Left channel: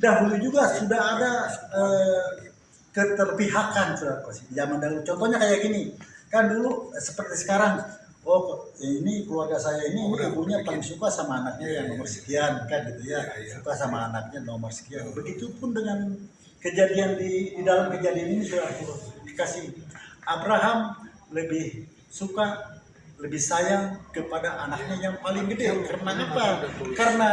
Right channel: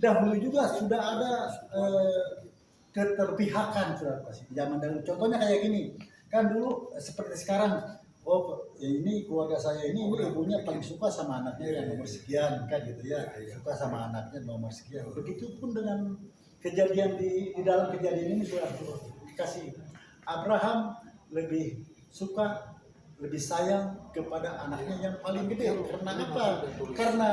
dahulu juga sudah ada keterpihakan di zaman dahulu. Contohnya kayak gini, kan dulu seperti sekarang, oh ini keluarga saya ini ibunya paling suka sama anaknya yang nomor sekian kan gitu ya, suka sama anaknya nomor sekian. Begitupun dengan kejadian di dalam kejadian ini sudah aku dikasih, Abraham lebih suka, lebih sayang kepada anaknya yang paling gede. Karena apa? Karena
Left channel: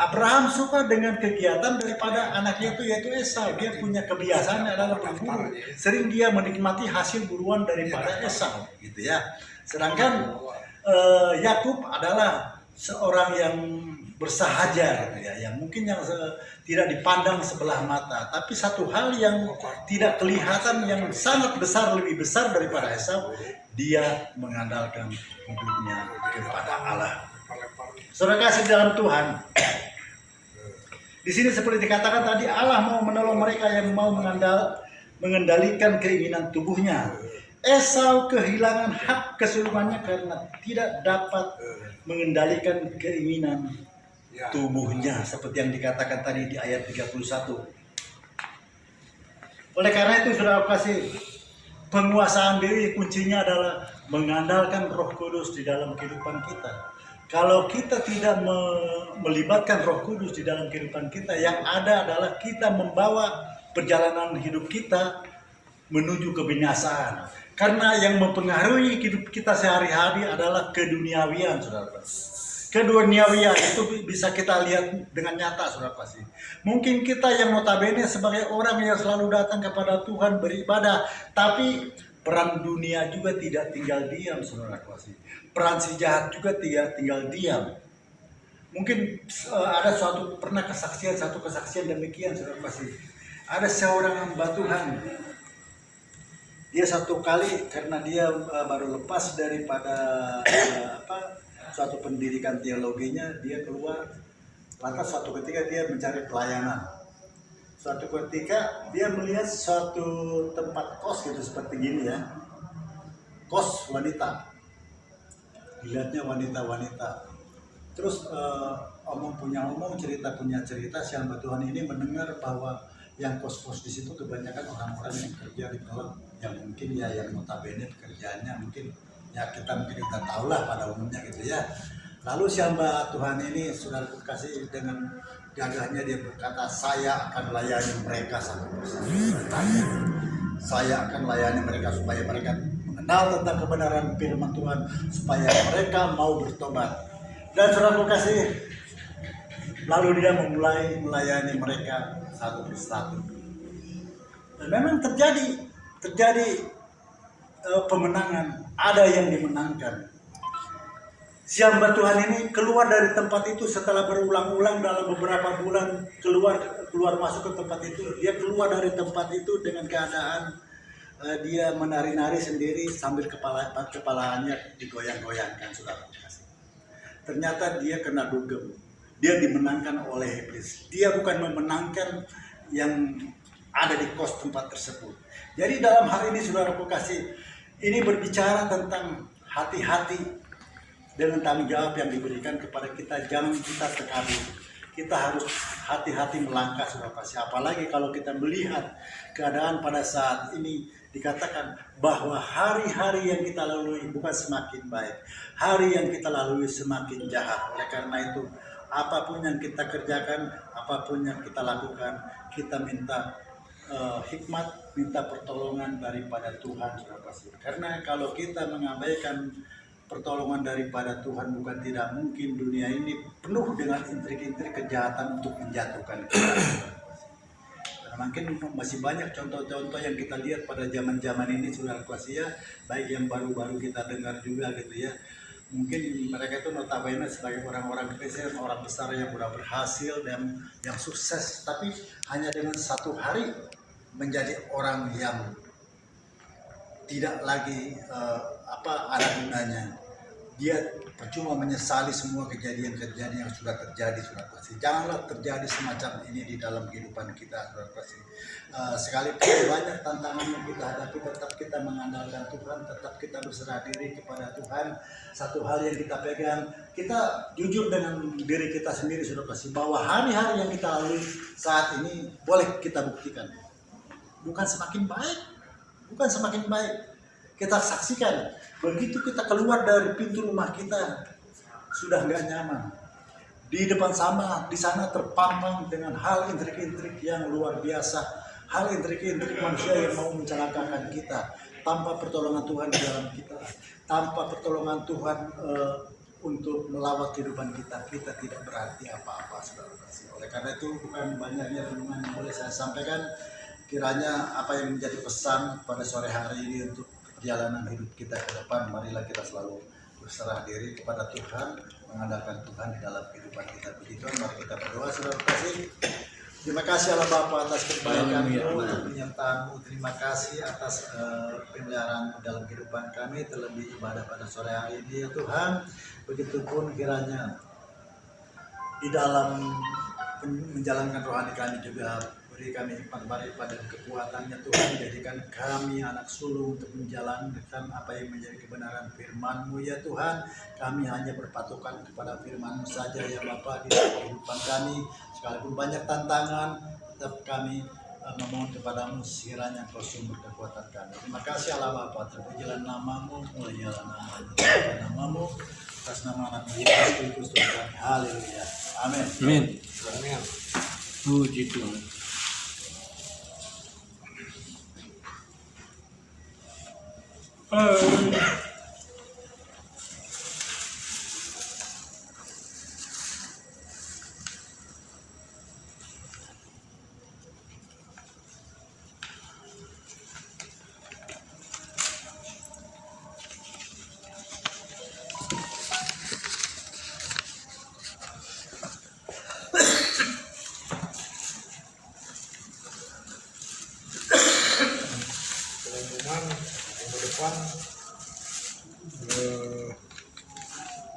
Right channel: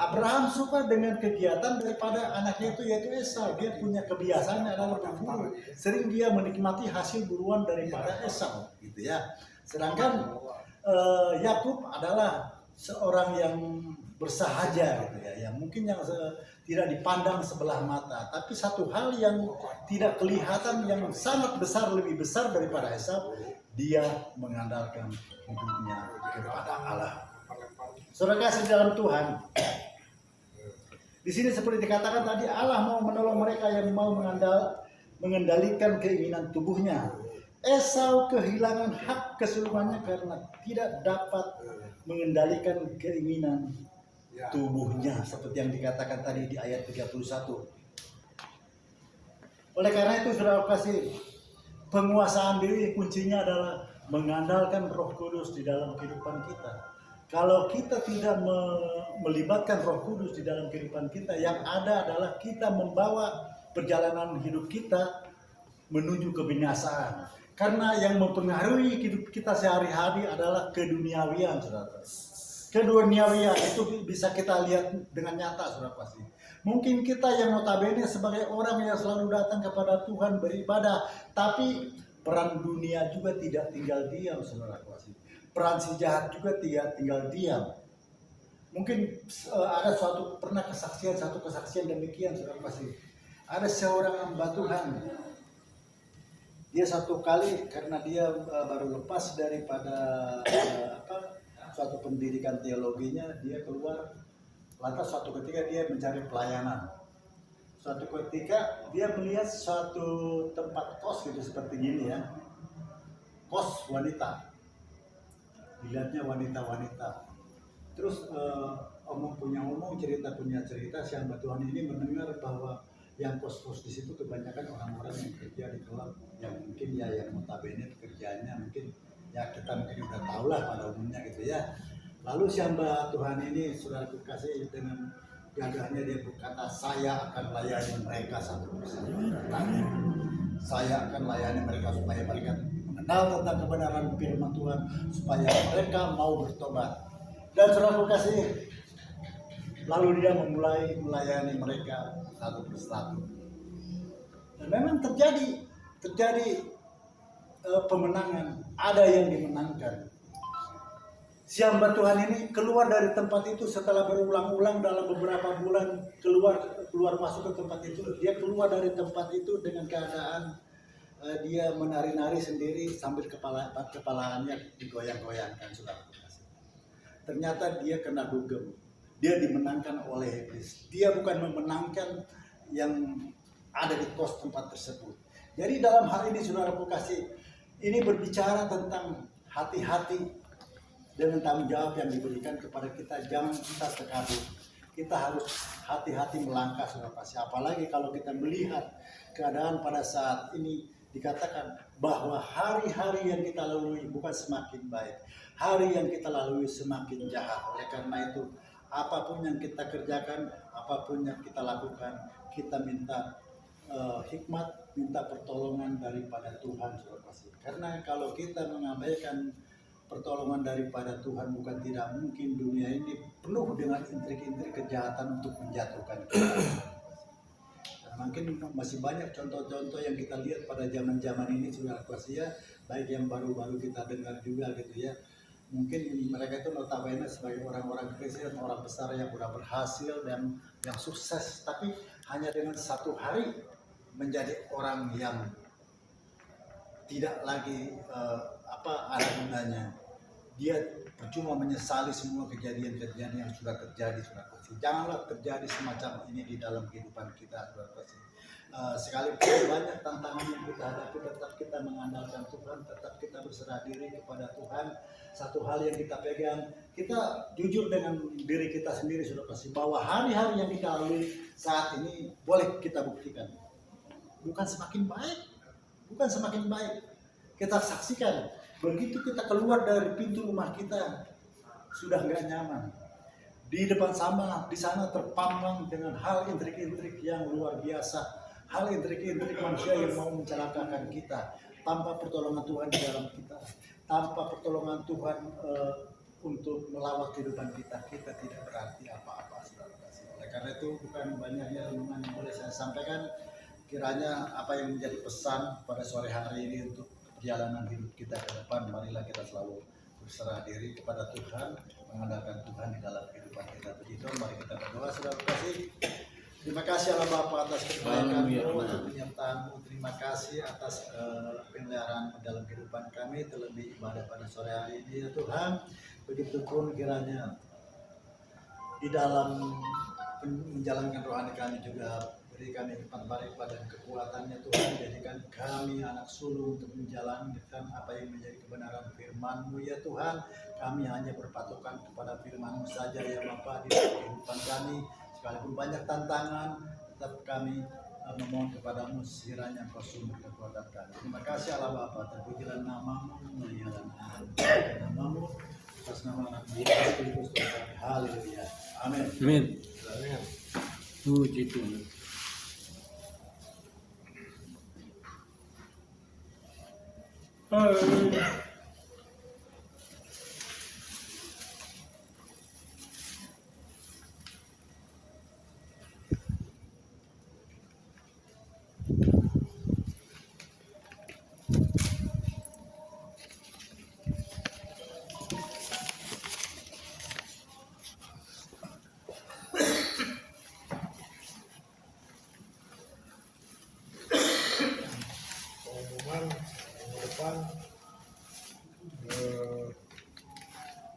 Abraham suka dengan kegiatan daripada anaknya itu, yaitu Esau. Dia punya kebiasaan adalah berburu. Sering dia menikmati hasil buruan daripada Esau, gitu ya. Sedangkan Yakub adalah seorang yang bersahaja, gitu ya, yang mungkin yang tidak dipandang sebelah mata. Tapi satu hal yang tidak kelihatan yang sangat besar, lebih besar daripada Esau, dia mengandalkan hidupnya kepada Allah. Saudara kasih dalam Tuhan, di sini seperti dikatakan tadi, Allah mau menolong mereka yang mau mengendalikan keinginan tubuhnya. Esau kehilangan hak kesulungannya karena tidak dapat mengendalikan keinginan tubuhnya, seperti yang dikatakan tadi di ayat 31. Oleh karena itu, saudara kasih, penguasaan diri kuncinya adalah mengandalkan Roh Kudus di dalam kehidupan kita. Kalau kita tidak melibatkan Roh Kudus di dalam kehidupan kita, yang ada adalah kita membawa perjalanan hidup kita menuju kebinasaan. Karena yang mempengaruhi hidup kita sehari-hari adalah keduniawian, saudara. Keduniawian itu bisa kita lihat dengan nyata, saudara pasti. Mungkin kita yang notabene sebagai orang yang selalu datang kepada Tuhan beribadah, tapi peran dunia juga tidak tinggal diam, saudara pasti. Peran si jahat juga tidak tinggal diam. Mungkin ada pernah satu kesaksian demikian, saudara pasti. Ada seorang hamba Tuhan. Dia satu kali karena dia baru lepas daripada suatu pendidikan teologinya, dia keluar. Lantas suatu ketika dia mencari pelayanan. Suatu ketika dia melihat suatu tempat kos gitu seperti gini ya, kos wanita. Dilihatnya wanita-wanita. Terus omong punya omong, cerita punya cerita. Si hamba Tuhan ini mendengar bahwa yang kos-kos di situ kebanyakan orang-orang yang kerja di klub, yang mungkin ya yang notabene pekerjaannya mungkin ya kita mungkin udah tahu lah pada umumnya gitu ya. Lalu si hamba Tuhan ini, saudaraku kasih, dengan gagahnya dia berkata, saya akan layani mereka satu persatu. Saya akan layani mereka supaya mereka mengenal tentang kebenaran firman Tuhan, supaya mereka mau bertobat. Dan saudaraku kasih, lalu dia memulai melayani mereka satu persatu. Dan memang terjadi pemenangan, ada yang dimenangkan. Si hamba Tuhan ini keluar dari tempat itu setelah berulang-ulang dalam beberapa bulan keluar masuk ke tempat itu. Dia keluar dari tempat itu dengan keadaan dia menari-nari sendiri sambil kepalanya digoyang-goyangkan, saudara. Ternyata dia kena dugem. Dia dimenangkan oleh iblis. Dia bukan memenangkan yang ada di kos tempat tersebut. Jadi dalam hal ini, saudaraku kasih, ini berbicara tentang hati-hati dengan tanggung jawab yang diberikan kepada kita. Jangan kita terkabur. Kita harus hati-hati melangkah, saudara kasih. Apalagi kalau kita melihat keadaan pada saat ini, dikatakan bahwa hari-hari yang kita lalui bukan semakin baik. Hari yang kita lalui semakin jahat. Oleh karena itu, apapun yang kita kerjakan, apapun yang kita lakukan, kita minta hikmat, minta pertolongan daripada Tuhan, saudara kasih. Karena kalau kita mengabaikan pertolongan daripada Tuhan, bukan tidak mungkin dunia ini penuh dengan intrik-intrik kejahatan untuk menjatuhkan kita. Mungkin masih banyak contoh-contoh yang kita lihat pada zaman-zaman ini, saudara kasih ya, baik yang baru-baru kita dengar juga gitu ya. Mungkin mereka itu notabene sebagai orang-orang Kristen, orang besar yang sudah berhasil dan yang sukses, tapi hanya dengan satu hari menjadi orang yang tidak lagi ada gunanya. Dia percuma menyesali semua kejadian-kejadian yang sudah terjadi, saudara kasih. Janganlah terjadi semacam ini di dalam kehidupan kita, saudara kasih. Sekalipun banyak tantangan yang kita hadapi, tetap kita mengandalkan Tuhan, tetap kita berserah diri kepada Tuhan. Satu hal yang kita pegang, kita jujur dengan diri kita sendiri, saudara kasih, bahwa hari-hari yang kita lalui saat ini boleh kita buktikan, bukan semakin baik. Kita saksikan, begitu kita keluar dari pintu rumah kita sudah nggak nyaman. Di depan di sana terpampang dengan hal intrik-intrik yang luar biasa, hal intrik-intrik manusia yang mau mencelakakan kita. Tanpa pertolongan Tuhan di dalam kita, tanpa pertolongan Tuhan untuk melawat kehidupan kita tidak berarti apa-apa, saudara kasih. Oleh karena itu, bukan banyaknya renungan yang boleh saya sampaikan, kiranya apa yang menjadi pesan pada sore hari ini untuk perjalanan hidup kita ke depan, marilah kita selalu berserah diri kepada Tuhan, mengandalkan Tuhan di dalam kehidupan kita. Begitu, mari kita berdoa, saudara kasih. Terima kasih Allah Bapa atas kebaikan-Mu, penyertaan-Mu. Terima kasih atas pemeliharaan dalam kehidupan kami, terlebih ibadah pada sore hari ini, ya Tuhan. Begitupun kiranya di dalam menjalankan rohani kami juga, beri kami hikmat barifat dan kekuatannya Tuhan. Jadikan kami anak sulung untuk menjalankan apa yang menjadi kebenaran firman-Mu, ya Tuhan. Kami hanya berpatokan kepada firman-Mu saja, ya Bapa, di dalam kehidupan kami. Sekalipun banyak tantangan, tetap kami memohon kepadamu, sekiranya Engkau sumber kekuatan kami. Terima kasih Allah Bapa, terpujilah nama-Mu, mulialah nama-Mu, terpujilah nama-Mu, atas nama anak Yesus Kristus Tuhan kami. Haleluya. Amin. Amin. Puji Tuhan.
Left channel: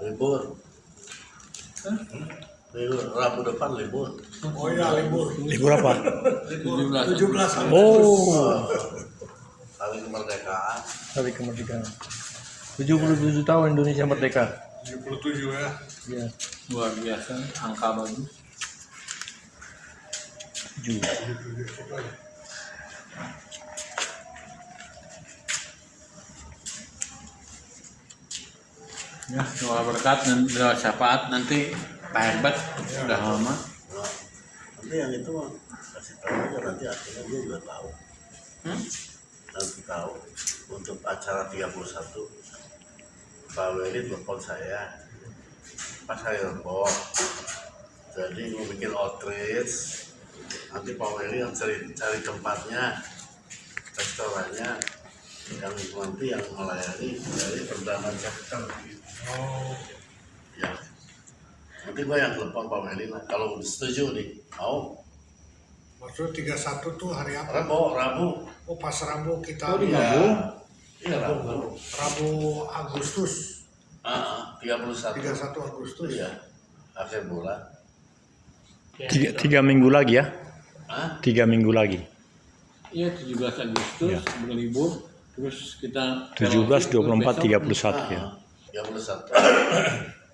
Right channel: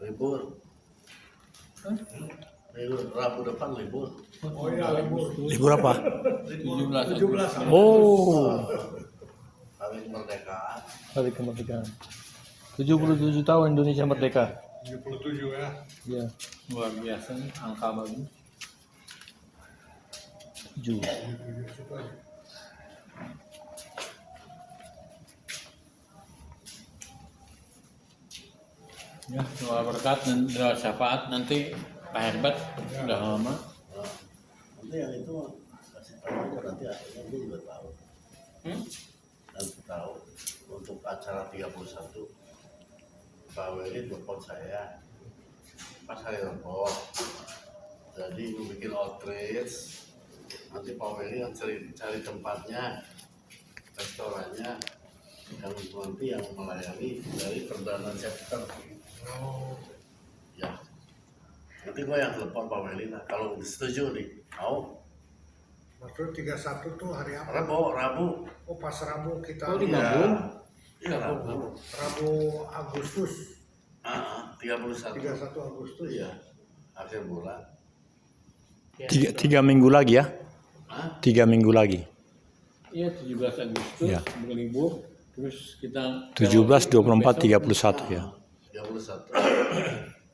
Libur. Rabu depan libur. Oh iya, libur. Libur apa? 17. Oh, Hari kemerdekaan. hari kemerdekaan. 77 tahun Indonesia merdeka. 77 ya. Ya, Luar biasa angka bagus. 7. 77 sekali. Ya, doa berkat dan doa syafaat nanti Pak Herbert sudah lama. Nanti yang itu kasih tahu aja, nanti akhirnya dia juga tahu. Nanti tahu untuk acara 31 Pak Weli telepon saya pas saya telepon, jadi mau bikin outreach, nanti Pak Weli yang cari tempatnya, restorannya, yang nanti yang melayani dari Perdana Chapter. Oh, Ya, nanti gue yang telepon Pak Weli lah, kalau setuju nih, mau. maksud 31 tuh hari apa? Rabu. Oh, pas Rabu kita. Iya, Rabu. Rabu Agustus. 31. 31 Agustus. Iya, akhir bulan. Tiga minggu lagi ya? Hah? 3 minggu lagi. Iya, 17 Agustus Ya. berlibur. Terus kita 17, 24, 31 ya. 31.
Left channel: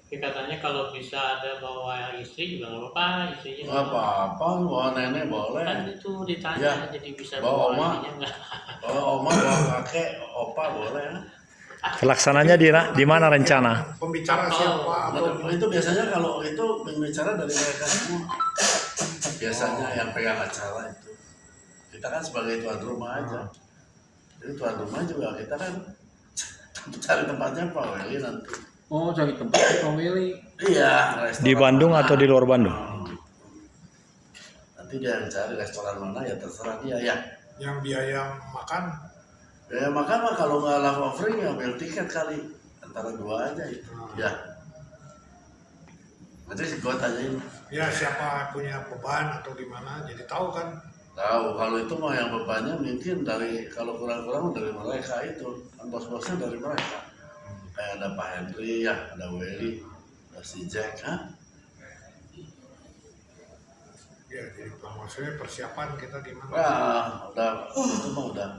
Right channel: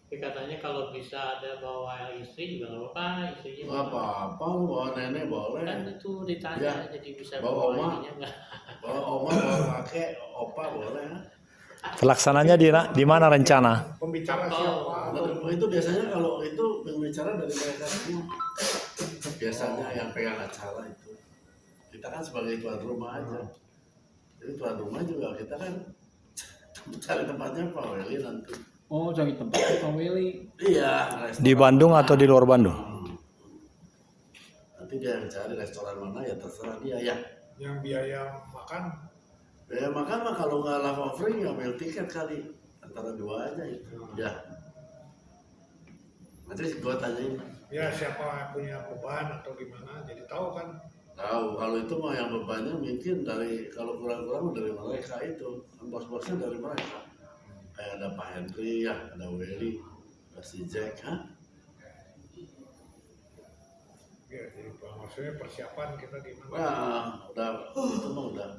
Katanya kalau bisa ada bawa istri juga nggak apa-apa, istrinya Nggak apa-apa, bawa nenek boleh. kan itu ditanya Ya. jadi bisa Bawa oma. ininya nggak. Bawa oma, bawa kakek, opa boleh. Pelaksananya di mana rencana? pembicara siapa atau Itu biasanya kalau itu bicara dari mereka semua. Biasanya yang pegang acara itu. Kita kan sebagai tuan rumah aja. Jadi tuan rumah juga kita kan cari tempatnya Pak Weli nanti. oh cari tempat Pak Willy. Iya, restoran Di Bandung mana. atau di luar Bandung? Nanti dia yang cari restoran mana ya terserah dia ya. Yang biaya makan. Ya makan mah kalau nggak live offering ya ambil tiket kali antara dua aja itu. Ya. Nanti gua tanyain. Ya siapa punya beban atau gimana, jadi tahu kan. Tahu kalau itu mah yang bebannya mungkin dari kalau kurang-kurang dari mereka itu kan bos-bosnya dari mereka. kayak ada Pak Henry ya, ada Welly, ada si Jack, Ya, jadi maksudnya persiapan kita gimana? Wah, udah itu mah udah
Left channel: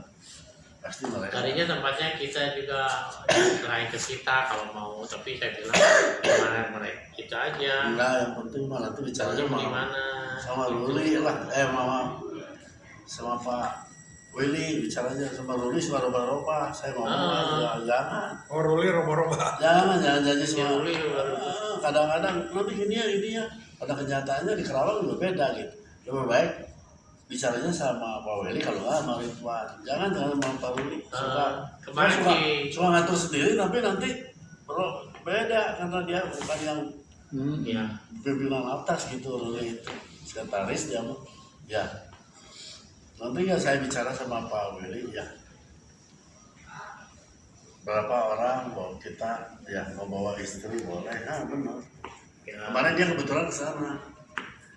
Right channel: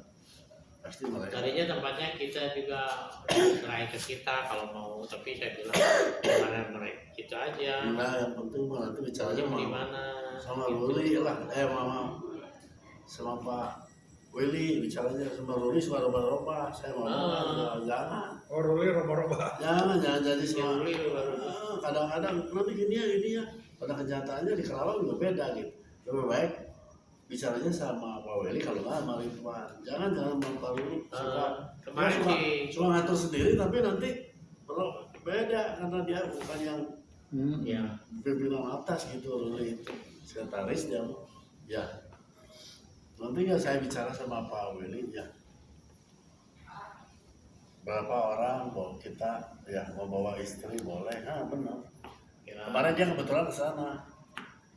pasti mereka. Tadinya tempatnya kita juga selain ke kita kalau mau, tapi saya bilang gimana mereka kita aja. Enggak, yang penting mah nanti bicaranya Di mau mana? sama Ruli lah, mama sama Pak Willy bicaranya sama Ruli sama roba-roba, saya mau jangan, Oh, Ruli roba-roba. jangan jadi semua. Ruli roba-roba. Kadang-kadang nanti gini ya, pada kenyataannya di Kerawang juga beda gitu. Lebih baik bicaranya sama Pak Willy kalau nggak sama Ridwan, jangan dengan sama Pak Ruli. Kemarin Suka ngatur sendiri tapi nanti beda karena dia bukan yang ya pimpinan atas gitu, Ruli itu sekretaris dia mah. Ya nanti ya saya bicara sama Pak Willy ya berapa orang mau kita ya mau bawa istri boleh, benar. Kemarin dia kebetulan ke sana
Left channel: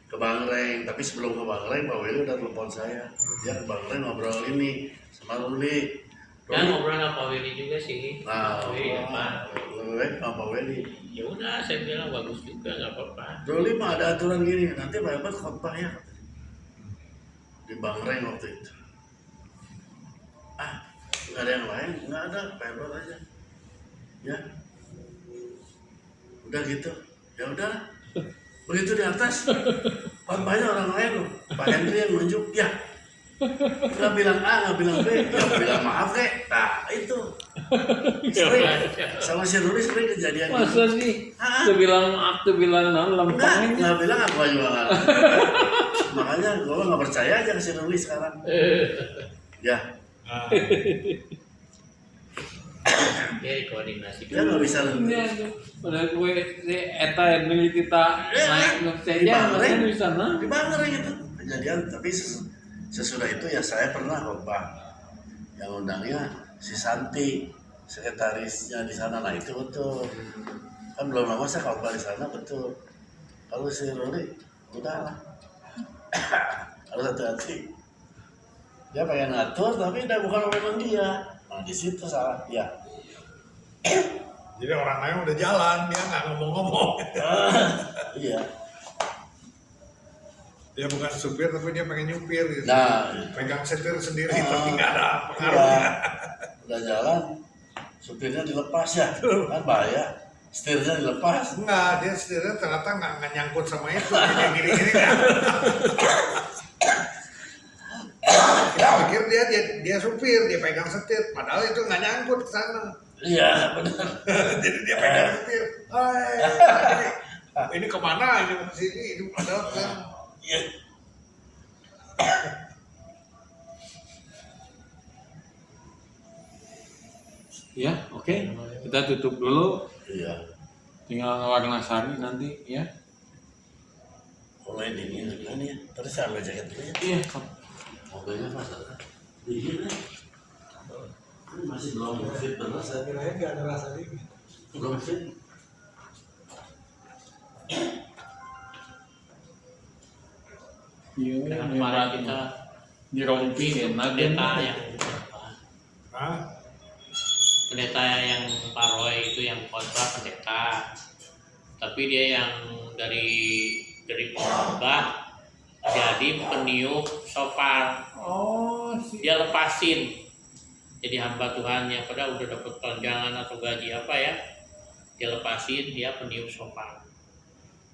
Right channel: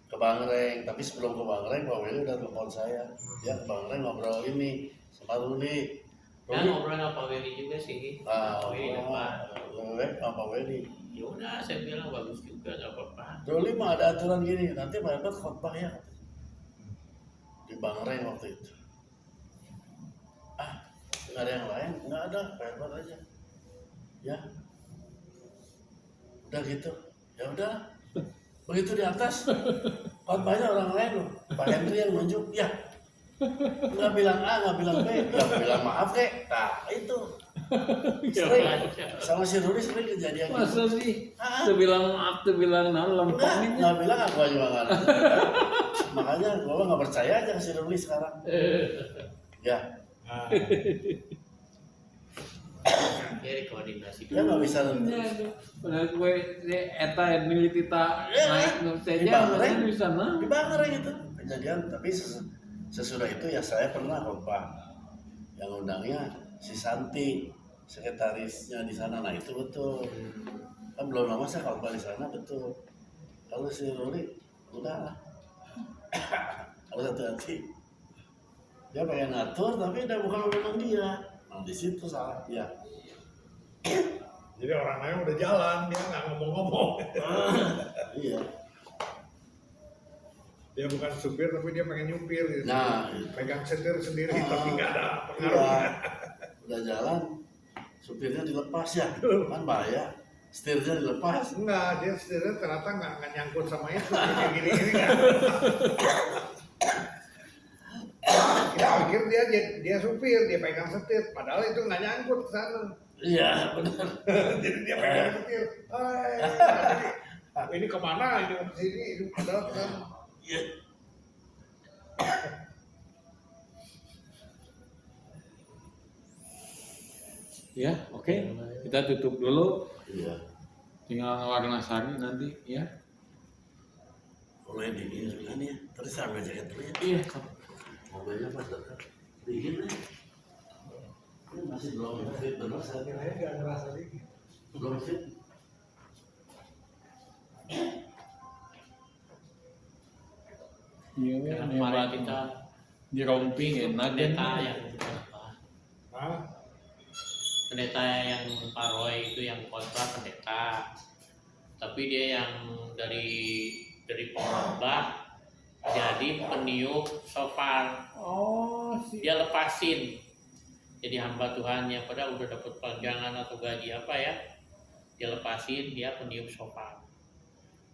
ke Bangreng, tapi sebelum ke Bangreng Pak Willy udah telepon saya, dia ke Bangreng ngobrol ini sama Ruli. kan ngobrol sama Pak Willy juga sih. Nah, Pak Willy depan. lebih baik sama Pak Willy. Ya udah, saya bilang bagus juga, nggak apa-apa. Ruli mah ada aturan gini, nanti Pak Hebat khotbah ya di Bangreng waktu itu. Nggak ada yang lain, nggak ada, Pak Hebat aja. Ya, udah gitu, ya udah. Begitu di atas, khotbahnya orang lain loh. Pak Henry yang nunjuk, ya. Nggak bilang A, nggak bilang B, ya bilang maaf kek. Nah itu sering sama si Ruli sering kejadian gitu. Masa sih? Tuh bilang maaf, tuh bilang non lempeng. Nggak bilang aku juga nggak. Makanya gue nggak percaya aja ke si Ruli sekarang. Ya, Ya dikoordinasi. dia nggak bisa Menurut gue si Eta yang beli kita naik di Bangreng, di sana. di Bangreng itu kejadian. Tapi sesudah itu ya saya pernah khotbah. Yang undangnya si Santi, sekretarisnya di sana. Nah itu betul. Kan belum lama saya khotbah di sana betul. Kalau si Ruli, udah lah. Harus hati-hati. Dia pengen ngatur tapi udah bukan memang dia. Nah di situ salah dia. Jadi orang lain udah jalan, dia nggak ngomong-ngomong. Iya. Dia bukan supir tapi dia pengen nyupir gitu. Nah, Pegang setir sendiri tapi nggak ada pengaruhnya. iya. Udah jalan, supirnya dilepas ya, kan bahaya. Setirnya dilepas. Enggak, dia setirnya ternyata nggak nyangkut sama itu. Jadi gini-gini kan. Kita pikir dia supir, dia pegang setir. Padahal itu nggak nyangkut ke sana. Iya, benar. Jadi dia pegang setir. Hai, ini kemana? Ini ke sini, ini padahal kan. Iya. Ya, oke. Kita tutup dulu. Iya. Tinggal warna sari nanti ya. Mulai dingin kan ya. Terus saya ambil jaket dulu ya. Iya. Mobilnya mas dingin ya. Ini masih belum fit benar saya. Kirain nggak ngerasa dingin. Belum fit. Iya. Karena kemarin kita dirompi enak pendeta yang Hah? pendeta yang Pak Roy itu yang khotbah pendeta, tapi dia yang dari pengkhotbah jadi peniup shofar. Oh, Dia lepasin jadi hamba Tuhannya, padahal udah dapat tunjangan atau gaji apa ya, dia lepasin, dia peniup shofar.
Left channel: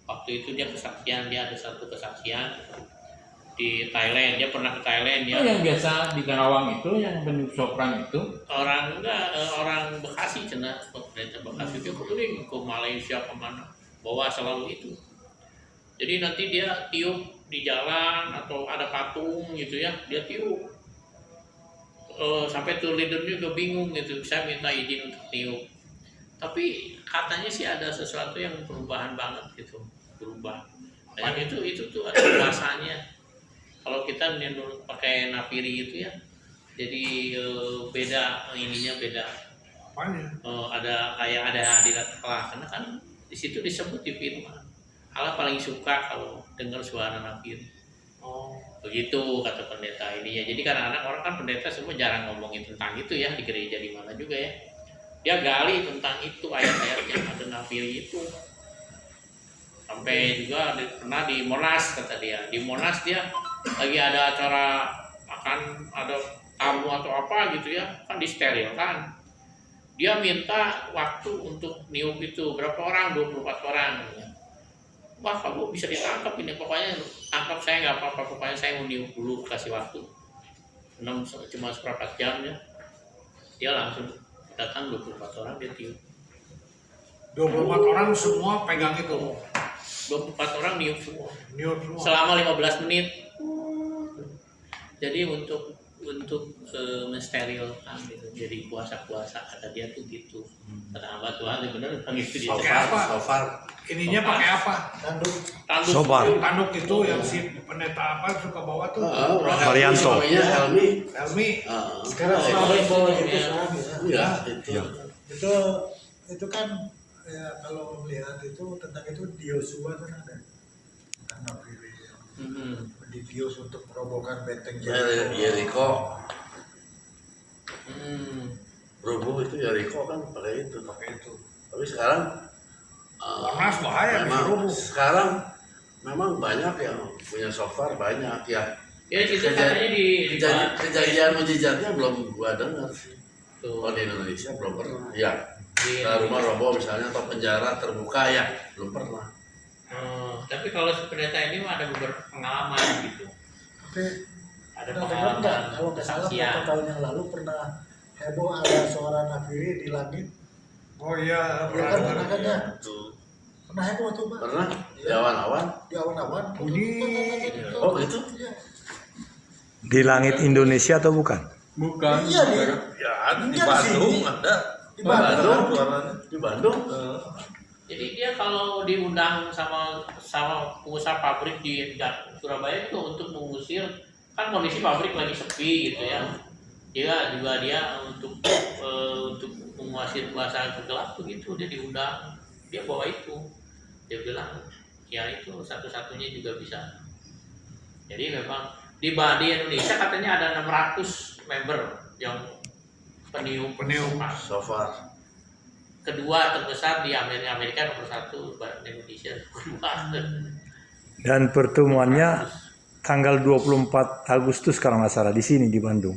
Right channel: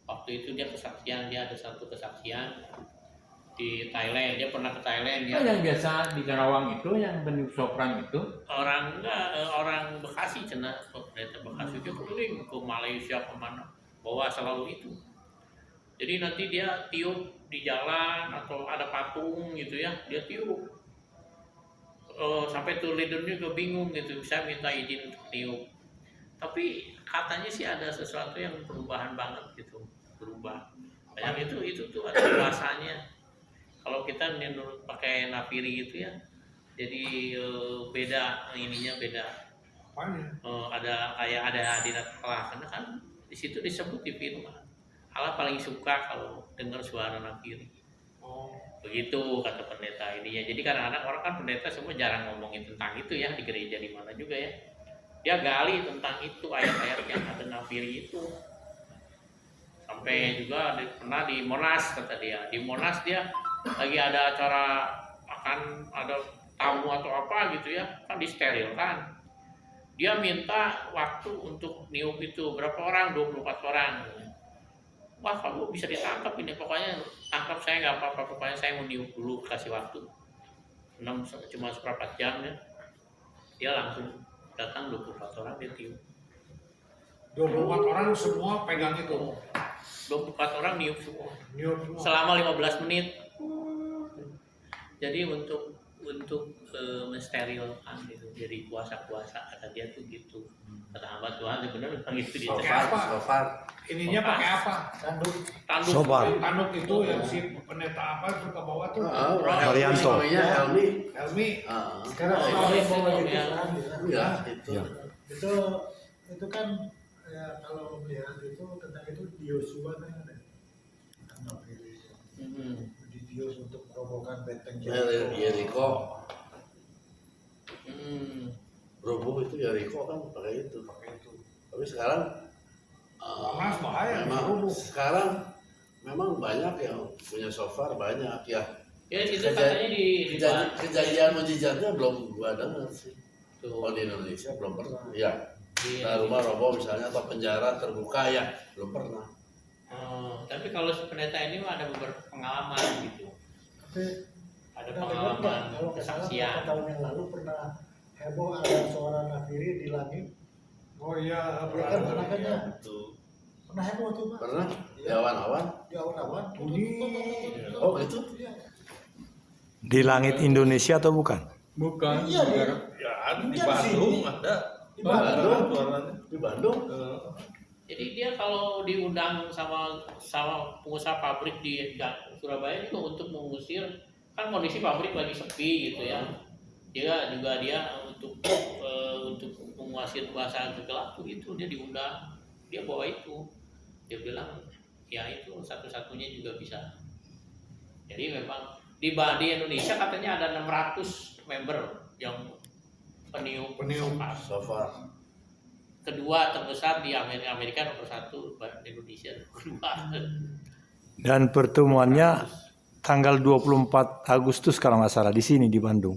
Waktu itu dia kesaksian, dia ada satu kesaksian di Thailand, dia pernah ke Thailand. Dia yang biasa di Karawang itu yang peniup sopran itu orang Bekasi, cina pendeta Bekasi dia keliling ke Malaysia kemana, bawa selalu itu. Jadi nanti dia tiup di jalan atau ada patung gitu ya, dia tiup. Sampai tuh leadernya juga bingung gitu, saya minta izin untuk tiup. Tapi katanya sih ada sesuatu yang perubahan banget gitu, berubah. Dan itu tuh ada bahasanya. Kalau kita pakai nafiri itu ya, jadi beda ininya beda. Apanya? Ada kayak ada hadirat Allah, karena kan di situ disebut di firman Allah paling suka kalau dengar suara nafiri. Oh. Begitu kata pendeta ininya. Jadi kadang-kadang orang kan pendeta semua jarang ngomongin tentang itu ya, di gereja di mana juga ya. dia gali tentang itu air-air yang ada nafiri itu. Sampai juga pernah di Monas, kata dia. Di Monas dia lagi ada acara, akan ada tamu atau apa gitu ya, kan disterilkan. Dia minta waktu untuk niup itu berapa orang, 24 orang. Wah, kamu bisa ditangkap ini, pokoknya tangkap saya nggak apa-apa, pokoknya saya mau niup dulu, kasih waktu 6 cuma seperempat jam ya. Dia langsung datang 24 orang, dia tiup. 24 orang semua pegang itu. 24 orang niup semua Niup semua. selama 15 menit. Jadi untuk mensterilkan gitu. Jadi puasa-puasa kata dia tuh gitu. Kata hamba Tuhan bener gitu dia. Pakai apa? So far. Ininya pakai apa? Tanduk. Tanduk. Sobar. Tanduk itu yang si pendeta apa suka bawa tuh. Marianto. Namanya Helmi. Helmi. Sekarang Oh, selalu itu bawa gitu ya. sekarang ya. Iya, itu. Itu kan ya kalau melihat itu tentang itu di Yosua kan ada tentang nafiri Hmm. dibius untuk merobohkan benteng Jericho. Hmm. Roboh itu Jericho kan pakai itu. Tapi sekarang Monas bahaya bisa memang rubuh. sekarang memang banyak yang punya shofar, banyak ya. Ya itu katanya di Kejadian mujizatnya belum gua dengar sih. tuh, Oh di Indonesia belum pernah. Ya, di- rumah roboh misalnya atau penjara terbuka ya belum pernah. tapi kalau si pendeta ini mah ada beberapa pengalaman gitu. tapi Ada kalau pengalaman nggak salah kesaksian. beberapa tahun yang lalu pernah heboh ada suara nafiri di langit. Oh iya, Ya kan pernah kan ya, Itu pernah heboh tuh Pak pernah di awan-awan. di awan-awan Bunyi. Oh gitu. Iya. Di langit Indonesia atau bukan? Bukan. Iya, di- Ya ada di Iya, di Bandung sini. ada. Di Bandung. Di Bandung. Jadi dia kalau diundang sama pengusaha pabrik di Surabaya itu untuk mengusir, kan kondisi pabrik lagi sepi gitu ya. Dia untuk menguasai kuasa gelap begitu, dia diundang, dia bawa itu, dia bilang ya itu satu-satunya juga bisa. Jadi memang di Indonesia katanya ada 600 member yang peniup. Peniup. Shofar. Kedua terbesar di Amerika nomor 1, di Indonesia kedua. Dan pertemuannya tanggal 24 Agustus kalau nggak salah di sini di Bandung.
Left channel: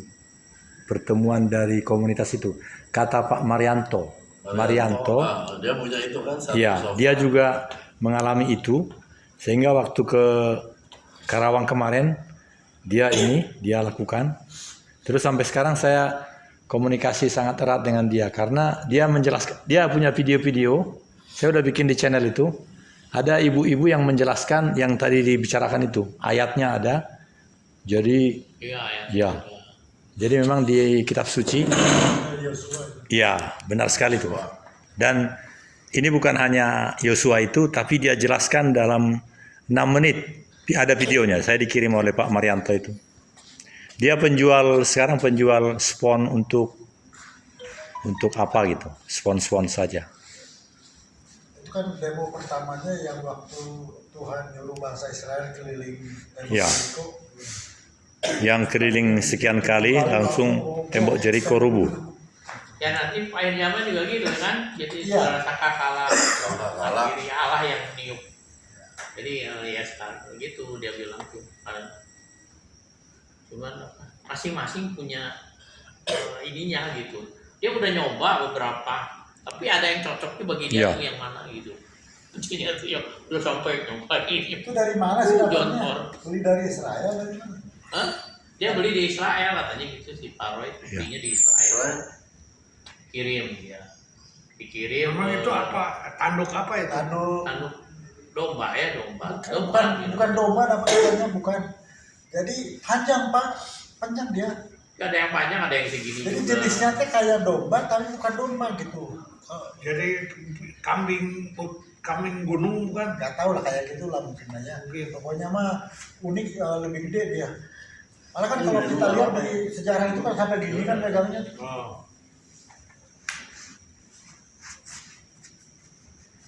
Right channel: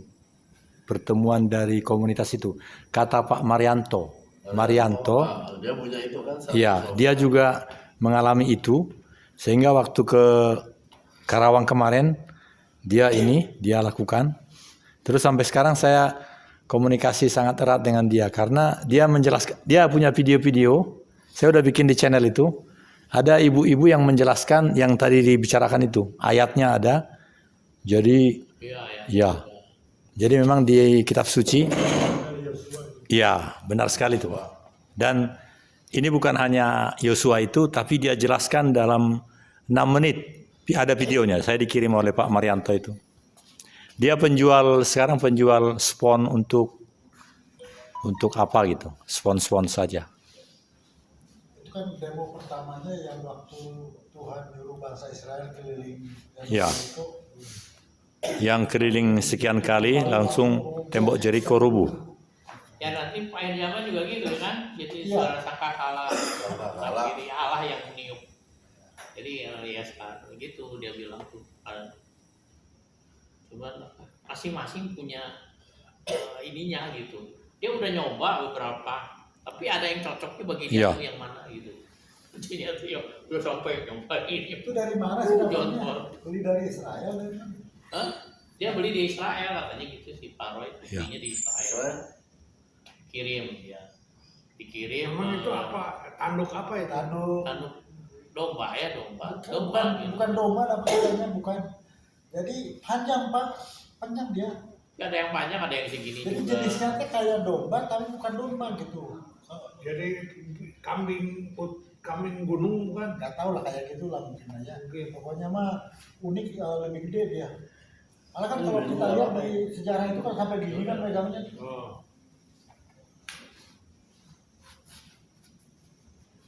Pertemuan dari komunitas itu. Kata Pak Marianto. Ah, dia punya itu kan satu Iya, shofar. dia juga mengalami itu sehingga waktu ke Karawang kemarin dia lakukan. Terus sampai sekarang saya komunikasi sangat erat dengan dia karena dia menjelaskan, dia punya video-video, saya udah bikin di channel itu. Ada ibu-ibu yang menjelaskan yang tadi dibicarakan itu, ayatnya ada. Jadi Iya ya. ya. Jadi memang di kitab suci. Iya, benar sekali tuh, Pak. Dan ini bukan hanya Yosua itu, tapi dia jelaskan dalam 6 menit. Ada videonya, saya dikirim oleh Pak Marianto itu. Dia sekarang penjual spon untuk apa gitu, spon saja. Itu kan demo pertamanya yang waktu Tuhan nyuruh bangsa Israel keliling Ya. Jeriko. Yang keliling sekian kali langsung tembok Jericho rubuh. Ya nanti akhir zaman juga gitu kan, jadi Iya. suara sangkakala Sangkakala. diri Allah yang meniup. Jadi ya sekarang gitu dia bilang tuh. Cuman masing-masing punya ininya gitu. Dia udah nyoba beberapa, tapi ada yang cocoknya bagi dia Iya. tuh yang mana gitu. Jadi ya udah sampai nyoba ini. Itu dari mana sih John dapatnya? Paul. Beli dari Israel dari mana? Hah? Dia beli di Israel katanya gitu si Paroy, Iya. belinya di Israel. Selain Kirim ya. Dikirim. Memang itu apa? Tanduk apa itu? Tanduk. Tanduk domba ya, domba. Bukan domba apa namanya, bukan. Jadi panjang Pak, panjang dia. Ada yang panjang, ada yang segini Jadi juga. jenisnya teh kayak domba tapi bukan domba gitu. Jadi kambing gunung bukan? Nggak tahu lah kayak gitu lah mungkin aja. Mungkin. Pokoknya mah unik, lebih gede dia. Malah kan kalau kita lihat di sejarah itu kan sampai gini kan megangnya. Oh.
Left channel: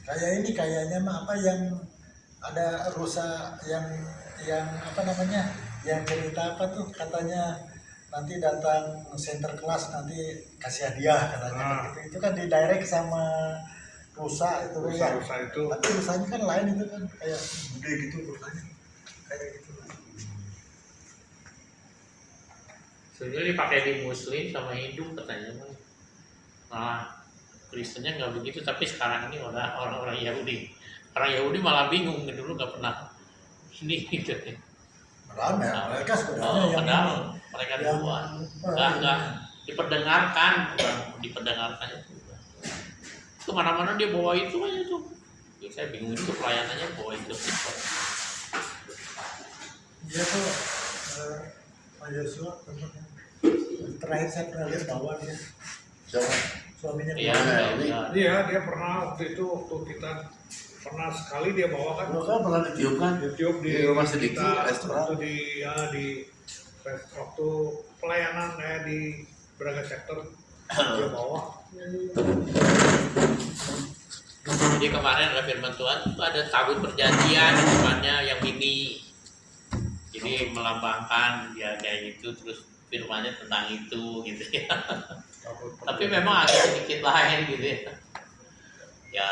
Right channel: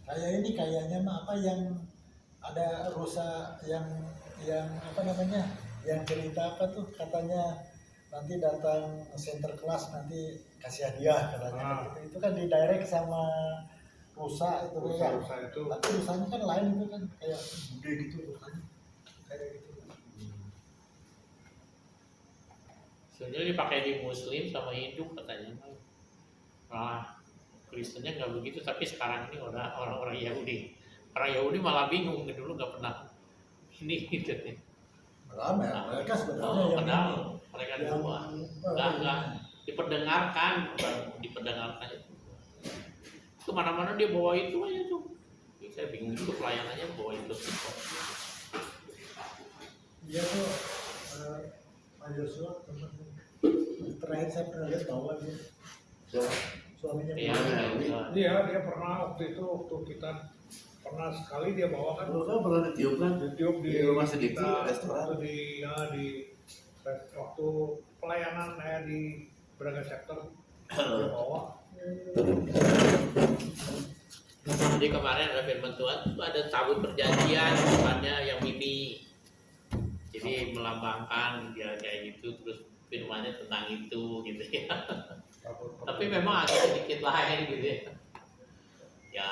Kayak ini kayaknya mah apa yang ada rusa yang apa namanya, yang cerita apa tuh katanya nanti datang center kelas nanti kasih hadiah katanya gitu. Itu kan di direct sama rusa itu ya. Rusa itu. Tapi rusanya kan lain itu kan kayak gede gitu rusanya kayak gitu. Sebenarnya dipakai di Muslim sama Hindu katanya Mas. Malah Kristennya nggak begitu, tapi sekarang ini orang-orang Yahudi. Orang Yahudi malah bingung, dulu nggak pernah ini gitu. Rame, mereka sebenarnya yang padahal ini. mereka Yang- dua nggak diperdengarkan, bukan diperdengarkan itu. Kemana-mana dia bawa itu aja tuh. Ya, saya bingung itu pelayanannya bawa itu. Dia tuh Pak Yosua temennya. Terakhir saya pernah lihat bawa dia Siapa? suaminya Iya, bawa. iya. Iya, dia pernah waktu itu waktu kita pernah sekali dia bawa kan Lu kan pernah ditiup kan? YouTube di Di rumah sedikit, kita, restoran. waktu waktu pelayanan di Braga Sector dia bawa. Jadi kemarin ada firman Tuhan itu ada tabut perjanjian di depannya yang ini. Jadi melambangkan ya kayak gitu, terus firmannya tentang itu gitu ya. Tapi memang agak sedikit lain gitu ya. Ya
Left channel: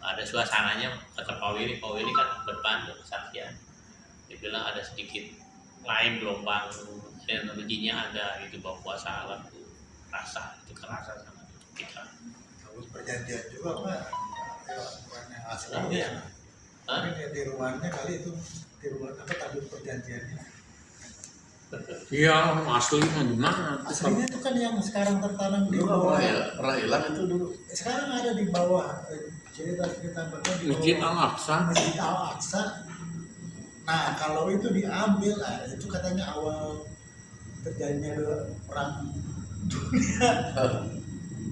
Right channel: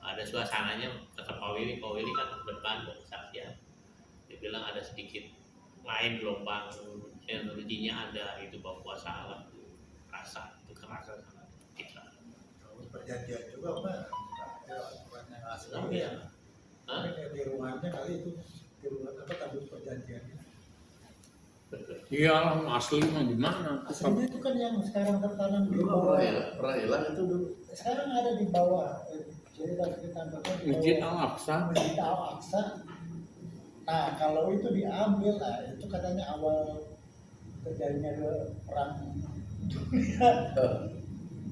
ada suasananya kata Pak Willy kan depan kesaksian. Dia bilang ada sedikit lain gelombang energinya ada itu bawa kuasa alam tuh rasa itu kerasa sama kita. Tabut perjanjian juga Pak. Ya, bukan yang aslinya ya. Hah? Mungkin ya tiruannya kali itu tiruan apa tabut perjanjiannya. Iya, asli mah gimana? Aslinya itu kan yang sekarang tertanam di Dulu kan bawah. pernah hilang itu dulu. Sekarang ada di bawah cerita bahkan di bawah Masjid Al-Aqsa. Masjid Al-Aqsa. Nah kalau itu diambil lah itu katanya awal terjadinya ke perang dunia.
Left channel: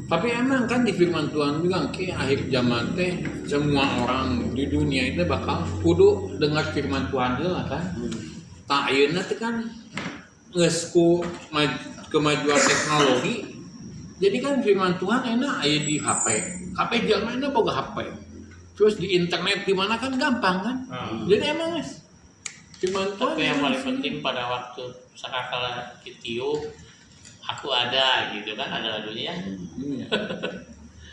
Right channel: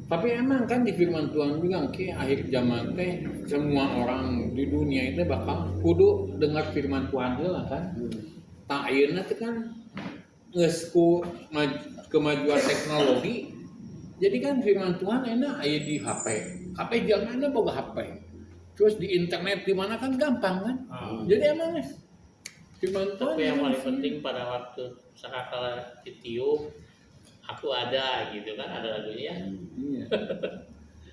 Tapi emang kan di firman Tuhan bilang ke akhir zaman teh semua orang di dunia ini bakal kudu dengar firman Tuhan dulu kan. Tak ayeuna teh kan geus ku kemajuan teknologi. Jadi kan firman Tuhan enak aya di HP. HP zaman ini boga HP. Terus di internet di mana kan gampang kan. Jadi emang guys firman Tuhan. Tapi yang paling penting pada waktu sakakala kitiup aku ada gitu kan, ada lagunya. Iya.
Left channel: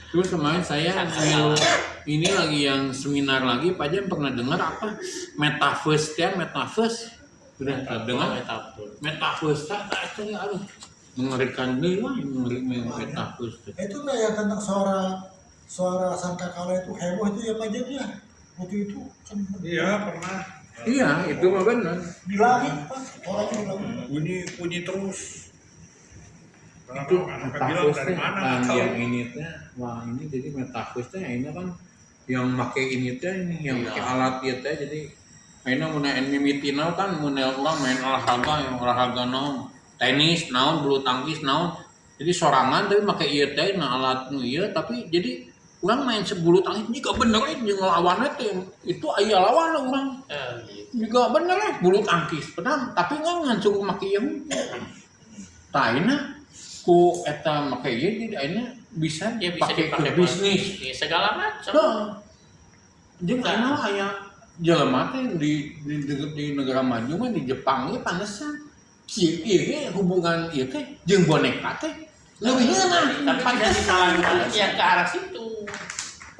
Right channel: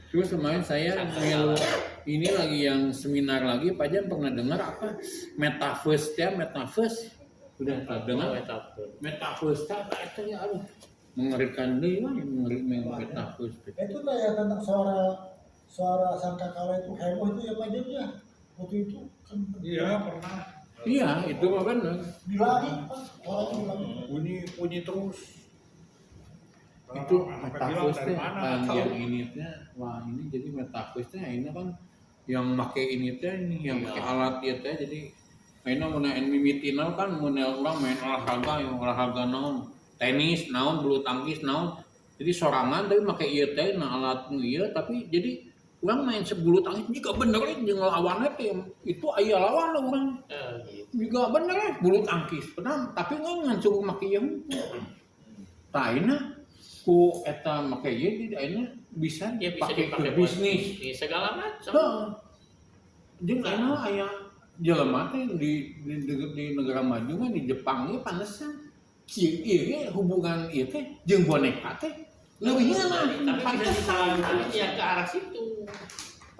Terus kemarin saya yang ini lagi yang seminar lagi, Pak Jan pernah dengar apa metaverse ya, metaverse sudah dengar metaverse itu ya aduh mengerikan nih wah mengerikan metaverse. Itu kayak tentang suara sangkakala itu heboh itu ya Pak Jan ya. Waktu itu kan Iya, pernah. Iya itu mah benar. di langit Pak orang bilang. Bunyi terus. Itu Sampai bilang metaverse dari mana kan tahu. yang ini teh wah ini jadi metaverse teh ini kan yang pakai ini teh ini yang pakai alat itu teh jadi ini mun mimitina kan mun orang main olahraga yang olahraga naon tenis naon bulu tangkis naon jadi sorangan tapi pakai ieu teh nah alat nu ieu tapi jadi orang main sebulu tangkis juga bener jeung lawannya teh itu aya lawan orang Gitu. juga bener bulu tangkis pedang tapi ngan suku make ieu tah ayeuna ku eta make ieu jadi ayeuna bisa Ya bisa dipakai ke dipakai bisnis. di segala macam. Heeh. Jadi karena aya jelema teh di negara maju mah di Jepang ge pantesan si ieu ge hubungan ieu teh jeung boneka teh leuwih ngeunah. Tapi bisa disalahkan ya ke arah situ.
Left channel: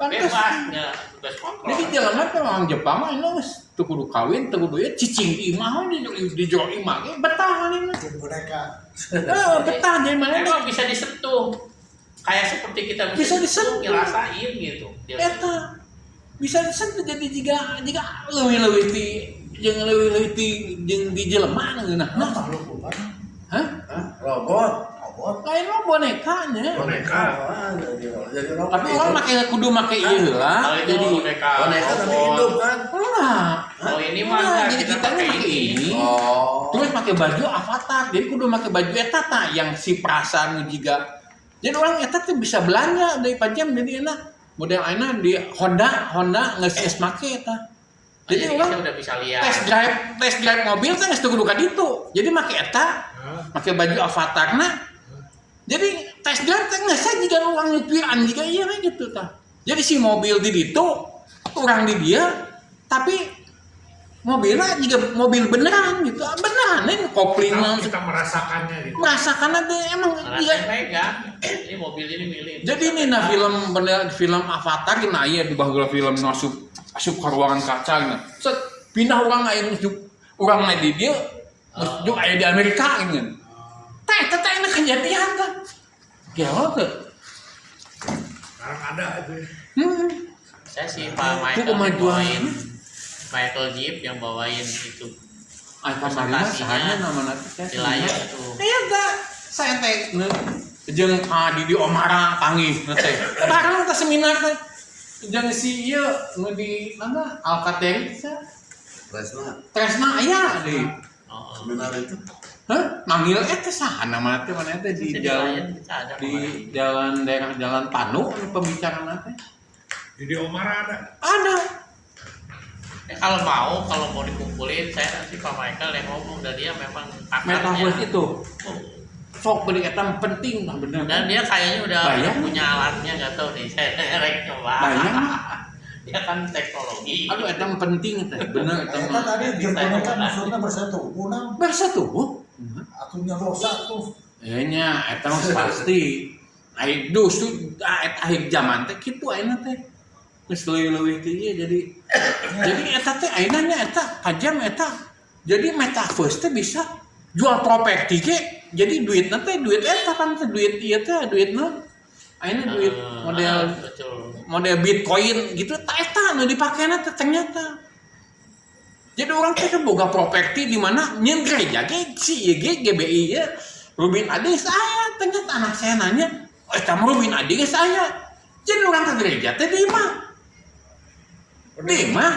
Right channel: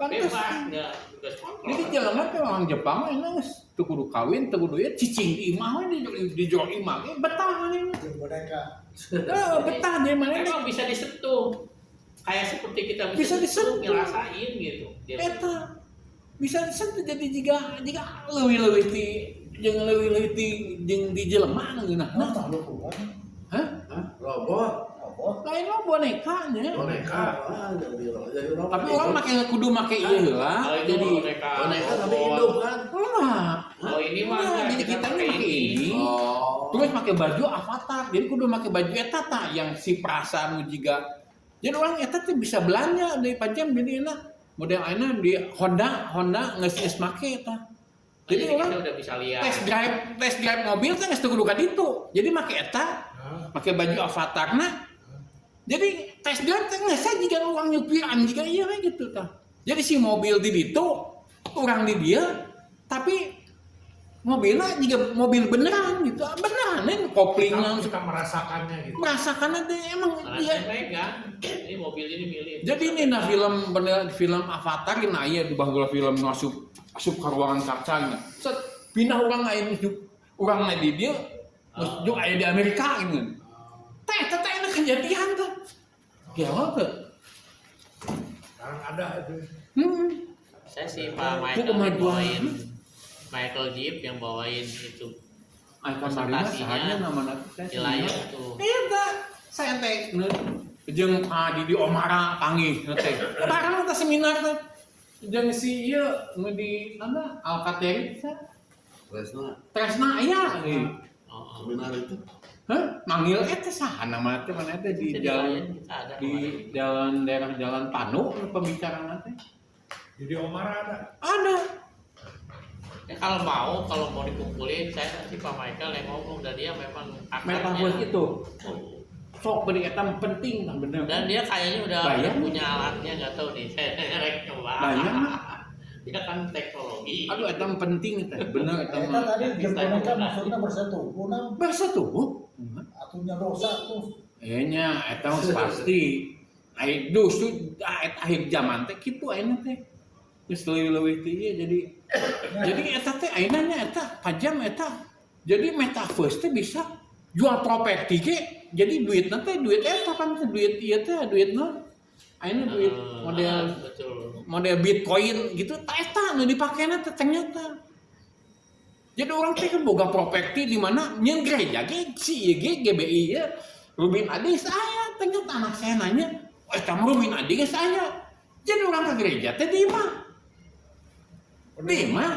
Bebas, ya bebas kontrol. Jadi jelema teh orang Jepang mah ini geus teu kudu kawin, teu kudu ieu cicing di imah di jero imah ge betah manehna. Jadi boneka. Heeh, betah jadi manehna. Emang bisa disentuh. Kayak seperti kita Bisa disentuh. ngerasain gitu. Eta bisa disentuh jadi jika leuwih-leuwih ti jeung leuwih-leuwih ti jeung di jelema geunah. Nah, makhluk bukan Hah? Hah? Robot? robot. Lain mah bonekanya. Boneka? Jadi robot. Tapi orang kudu make ieu heula. Kalau itu Jadi boneka Boneka tapi robot. hidup kan? enggak. Kalau ini mah Nah, enggak, jadi kita pakai ini. Oh. Terus pakai baju avatar. Jadi kudu pakai baju eta tah yang si perasaan nu jiga. Jadi orang eta teh bisa belanja dari pajam jadi enak. Model ayeuna di Honda geus make eta. Jadi Jadi orang kita udah bisa lihat. test drive mobil teh geus teu kudu ka ditu. Jadi make eta, pakai baju avatarna. Jadi tes drive teh geus jika orang nyupiran jika iya we gitu tah. Jadi si mobil di ditu, orang di dia, tapi mobilnya juga mobil beneran gitu. Beneran koplingnya kita merasakannya gitu. merasakan ada emang Rasanya megang. Ini mobil ini milik. jadi ini nah film Avatar nah iya di bagian film masuk ke ruangan kaca gitu. Set pindah orang lain masuk orang lain di dia masuk kayak di Amerika gitu. Tah ini kejadian kan. Gimana tuh? Sekarang ada itu. Saya sih Pak Michael kemajuan. bawain Michael Jeep yang bawain itu Alhamdulillah sahanya nama nanti di layar itu. Eta saya teh jeung di Omara panggih teh. Barang teh seminar teh. Jeung si ieu nu di mana Alcatel Tresna aya di Seminar itu. hah manggil eta saha nama teh mana teh di jalan di jalan daerah Jalan Panu pembicaraan teh. Jadi Omar ada. Ada. Ya, kalau mau dikumpulin saya nanti Pak Michael yang ngomong dan dia memang Metaverse itu. Oh. Sok beri eta penting lah bener. Dan dia kayaknya udah Bayang. punya alatnya nggak tahu nih saya rek coba. Bayang. Dia kan teknologi. Aduh eta penting eta bener eta Kita mah. tadi jempolnya maksudnya bersatu. Punang, Bersatu. atunya dosa tuh. Nya eta mah pasti. Ai dusu eta akhir zaman teh kitu ayeuna teh. Geus leuwih-leuwih teh ieu jadi eta teh ayeuna nya eta pajam eta. Jadi metaverse teh bisa jual properti ge. Jadi duitna teh duit eta kan teh duit ieu teh duit naon? Ayeuna duit Betul. model Bitcoin gitu tak eta nu dipakena teh ternyata. Jadi orang teh kan boga properti di mana nyeun gereja ge si ieu ge GBI ya. Rubin Adi saya ternyata anak saya nanya, "Eta mah Rubin Adi geus aya." Jadi orang ke gereja teh di mah. Di mah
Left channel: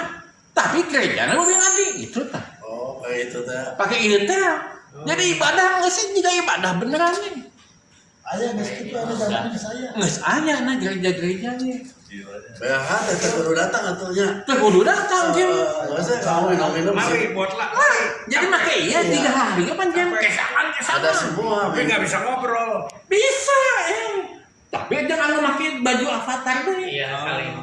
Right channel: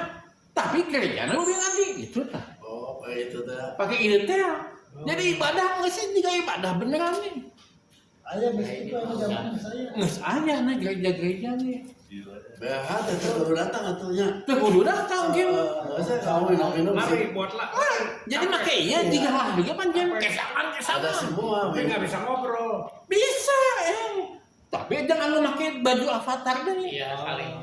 tapi gerejana Rubin Adi gitu tah. Oh, kayak itu teh. Pakai ieu teh. Jadi ibadah geus juga ibadah beneran nih. Ayah geus kitu anu jalan ke saya. Geus aya na gereja-gereja nih. BH teh kudu datang atunya. Teh kudu datang kan. Enggak usah kamu minum-minum sih. Mari buat lah. Jadi pakai iya 3 hari kan kan kesalan Ada semua. Tapi nggak bisa ngobrol. bisa tapi jangan lu pakai baju avatar tuh Iya saling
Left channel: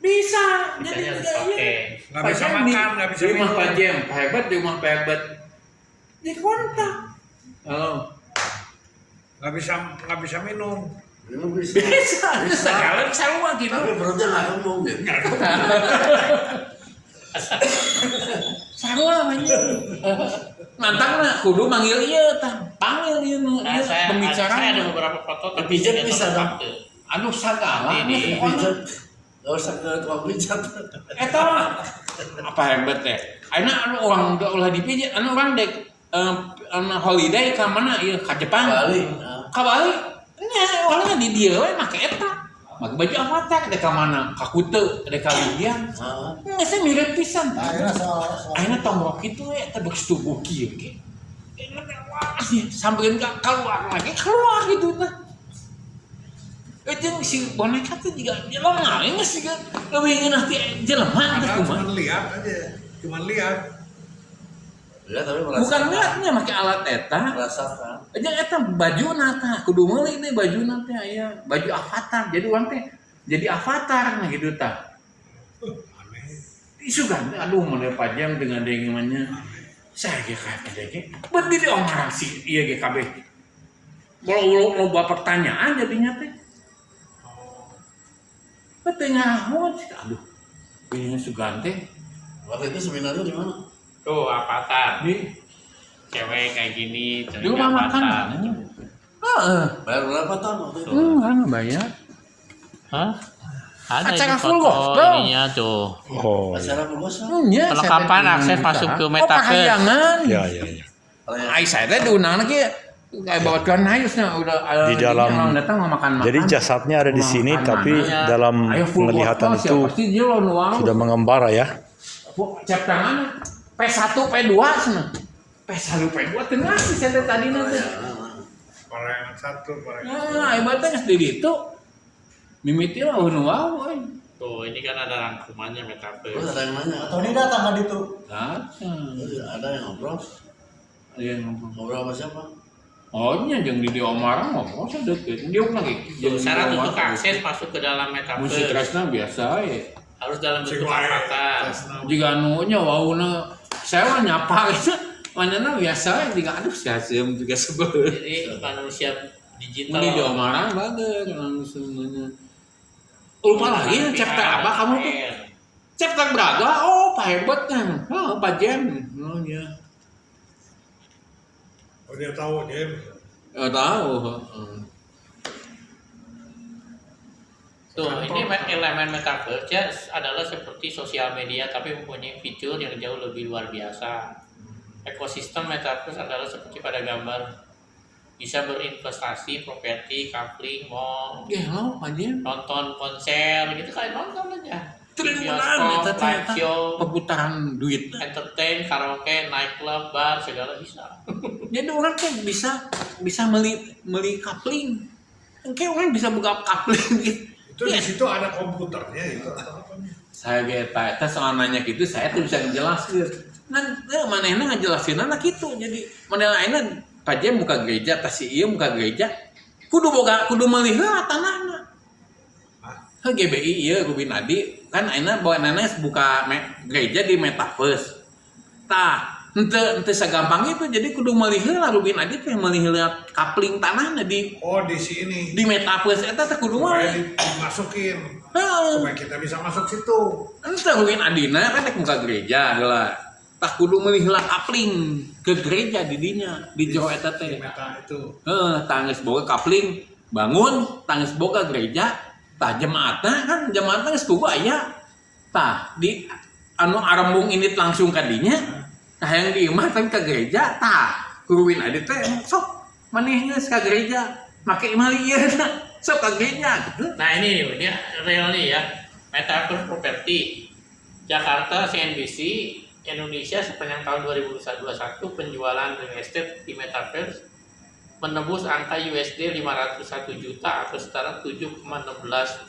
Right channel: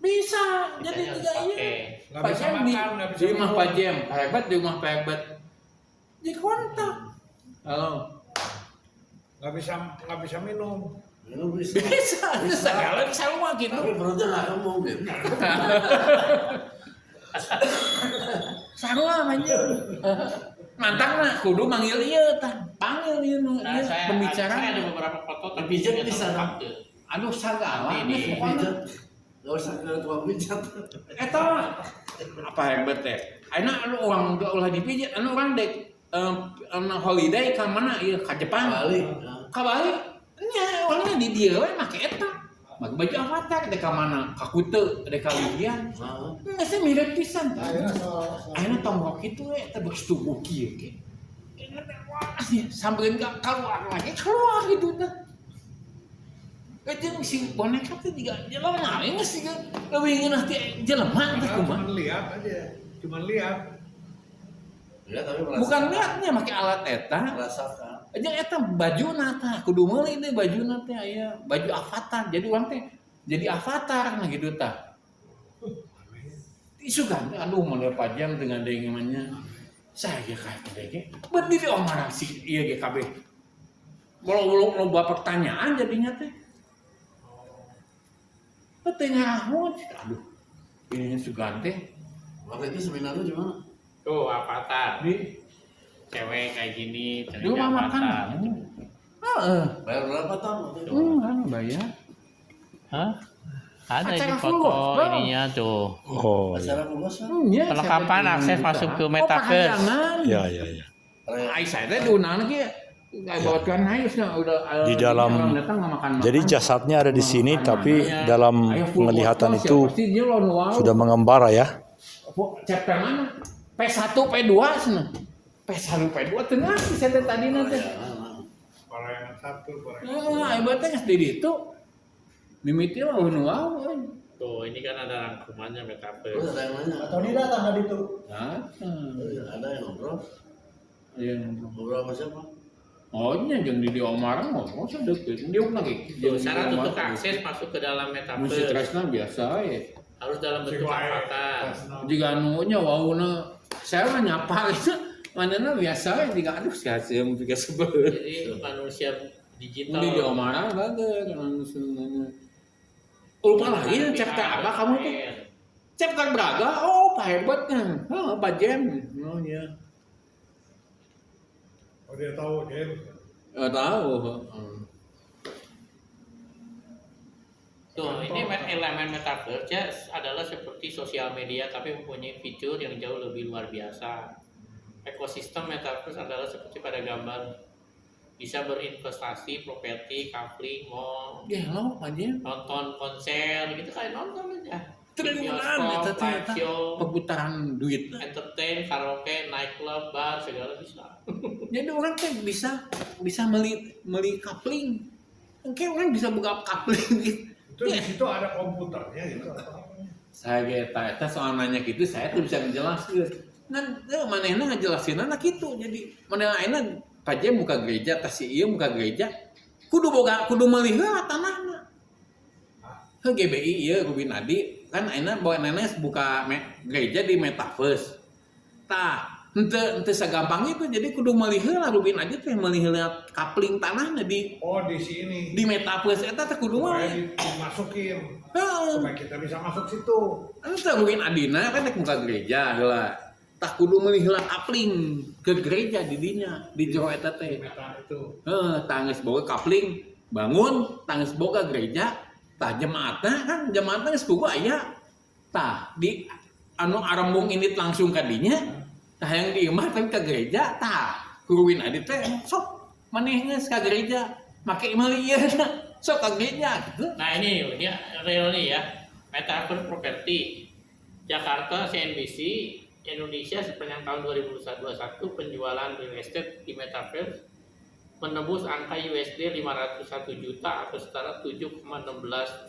bisa jadi bisanya harus tidak pakai. iya Nggak bisa makan, nggak bisa di rumah minum. Pak Jem Pak Hebat di rumah Pak Hebat di kontak halo Nggak bisa minum. Minum bisa. bisa segala bisa lu mah gitu Tapi perutnya nggak kembung gitu. sarua banyak mantap lah kudu manggil iya tah panggil ieu nu Nah, saya ada pembicaraan beberapa foto tapi Pijat saya bisa nggak dong. pakai. aduh sagala Nanti di- pokona. Pijat. Nggak usah ke tukang pijat. Eta mah apa hebat ya? Ayeuna anu orang ulah dipijit, anu orang dek anu holiday ka mana ieu ka Jepang. Bali. Nah. Ka Bali. Nya orangnya di dieu we make eta. Make baju avatar dek ka mana? Ka Kute, dek ka Lidian. Nah. Geus mirip pisan. Akhirnya soal Ayeuna tombol kitu we eta beus tubuh kieu ge. Sampeun ka keluar lagi keluar gitu tah. Jeung si boneka teh juga jelema we geus siga leuwih ngeunah ti jelema teh Padahal kumaha. cuma lihat aja. Cuma lihat. Ya tapi Bukan liatnya make alat eta. merasakan. Aja eta bajuna tah kudu meuli teh bajuna teh aya baju avatar. Jadi urang teh jadi avatar nah gitu tah. Aneh. Isu kan aduh mana pajam dengan dengannya. Saya ge kata ge berdiri omarang si ieu ge kabeh. Kalau loba pertanyaan jadinya teh. Tengah hot, aduh, ini sugan teh Waktu itu seminarnya di mana? Tuh avatar. di Cewek kayak gini. di rumah makan. Heeh. Bayar berapa tahun waktu itu? Enggak bayar. Hah? Ada Acara ini full foto gospel. ininya tuh. Oh. Acara pulgos kan? Iya, Perlengkapan akses masuk ke metaverse. Pakayangan. Ya, ya, ya. Ai saya teh diundang lagi kayak bawa tuan Hayusnya udah Di dalam- orang datang mau makan. Jadi jasadnya ada di sini, tapi dalam penglihatan itu pasti dia lawan wow. sudah mengembara ya. Chapter mana? P1, P2 sana. P1, P2 tengah di saya tadi nanti. Parayangan satu, parayangan. Ya, hebatnya geus di ditu. Mimiti lawan wow. Tuh ini kan ada rangkumannya Terus metaverse. ada yang nanya. atau ini datang kan itu. Nah, Terus ada yang ngobrol. dia ngobrol. Ngobrol sama siapa? Oh, nya jeung di Omar ngomong saya deket. Dia lagi. Tuh, syarat untuk akses masuk ke dalam Musik metaverse Tresna biasa ya. harus dalam bentuk Sing wae, avatar. Tresna. Jika nunya wauna saya mah nyapa itu Mana biasa juga aduh siasem juga sebel. Jadi manusia digital. Mending diomarah banget langsung mana. Lupa lagi ya chapter apa kamu tuh? Chapter berapa? Oh, Pak hebatnya. Oh, Pak Jem. Oh ya. Oh dia tahu James. Tahu. Tuh, ini elemen metaverse adalah seperti sosial media tapi mempunyai fitur yang jauh lebih luar biasa. Ekosistem metaverse adalah seperti pada gambar, bisa berinvestasi, properti, coupling, mall, Ya lo, Pak Jem. nonton konser gitu, kayak nonton aja. Triliunan Bioskop, eta live show, perputaran duit. entertain, karaoke, nightclub, bar, segala bisa. Jadi orang kan bisa meli coupling. Kayak orang bisa buka coupling gitu. Itu di situ ada komputernya itu. Saya kita soal nanya gitu saya tuh bisa menjelaskan. Nanti manehna ngejelasin anak itu. Jadi model lainnya Pak Jem buka gereja, kasih iya buka gereja. Kudu melihat tanahna. Kan GBI iya Rubin Adi kan aina bawa nenes buka gereja di metaverse. Tah, ente segampang itu jadi kudu melihat Rubin Adi teh melihat coupling tanahna di Oh di sini. metaverse eta teh kudu Supaya mah. dimasukin. Heeh. Supaya kita bisa masuk situ. Ente Rubin Adina kan buka gereja lah. Tak kudu melihat coupling ke gereja di dinya di jero eta teh. Di meta itu. Tangis boga coupling bangun tangis boga gereja tah jemaatna kan jemaatna geus boga aya tah di anu arembung ini langsung ka dinya tah yang di imah teh ka gereja tah kuruwin adi teh sok manehna ka gereja make imah ieu sok ka gereja gitu. Nah ini real nih ya, metaverse property. Jakarta CNBC Indonesia sepanjang tahun 2021 penjualan real estate di metaverse menembus angka USD 501 juta atau setara 7,16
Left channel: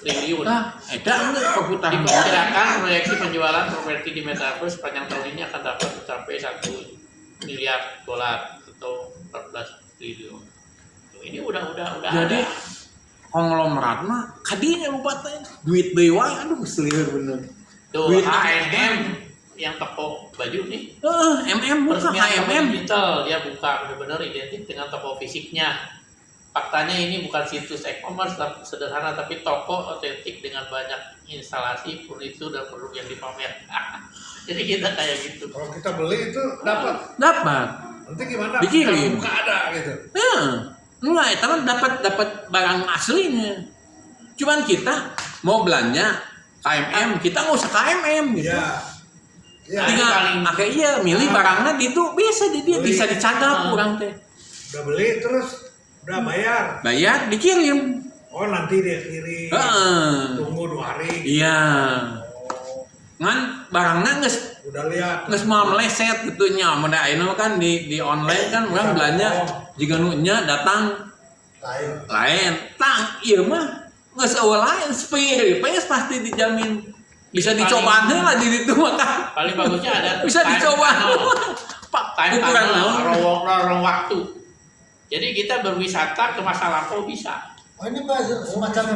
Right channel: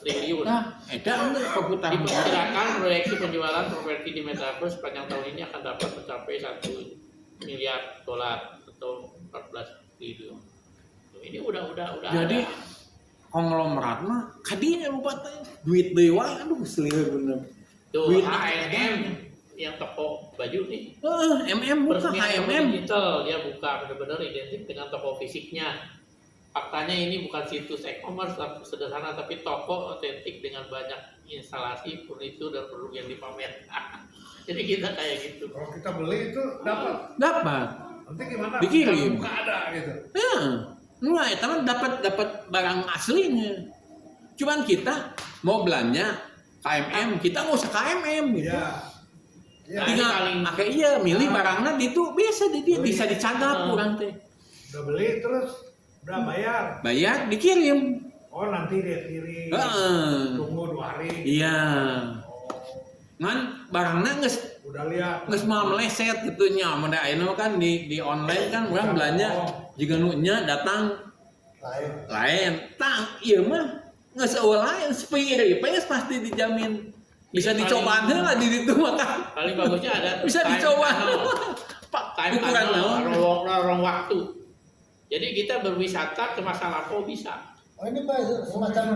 triliun. Nah, eta perputaran Diperkirakan proyeksi penjualan properti di metaverse sepanjang tahun ini akan dapat mencapai 1 miliar dolar atau 14 triliun. Tuh, ini udah jadi ada. konglomerat mah kadinya lupa teh duit deui wae aduh selieur bener. Tuh Duit H&M yang toko baju nih. MM bukan Peresmian toko HMM. digital dia buka benar-benar identik dengan toko fisiknya. Faktanya ini bukan situs e-commerce sederhana tapi toko otentik dengan banyak instalasi, furnitur dan produk yang dipamerkan. Jadi kita kayak gitu. Kalau kita beli itu dapat. Dapat. Nanti gimana? Dikirim. Buka ada gitu. Mulai tapi dapat barang aslinya. Cuman kita mau belanja KMM, kita nggak usah KMM gitu. Iya. Iya. Tinggal pakai iya milih barangnya gitu bisa di dia Beli. bisa dicadap kurang teh. Udah beli terus udah bayar. Bayar dikirim. Oh nanti dia kirim. Tunggu 2 hari. Iya. Oh, Ngan barangnya udah lihat. nggak mau meleset gitu nya. Mudah ini kan di online kan orang belanja jika nunya datang lain. Tang iya mah nggak sewa lain spare, pasti dijamin. Bisa dicoba lah di itu maka Paling bagusnya ada bisa time dicoba. tunnel. Pak Time ukuran tunnel, naon? lorong waktu. Jadi kita berwisata ke masa lampau bisa. Oh ini Pak semacam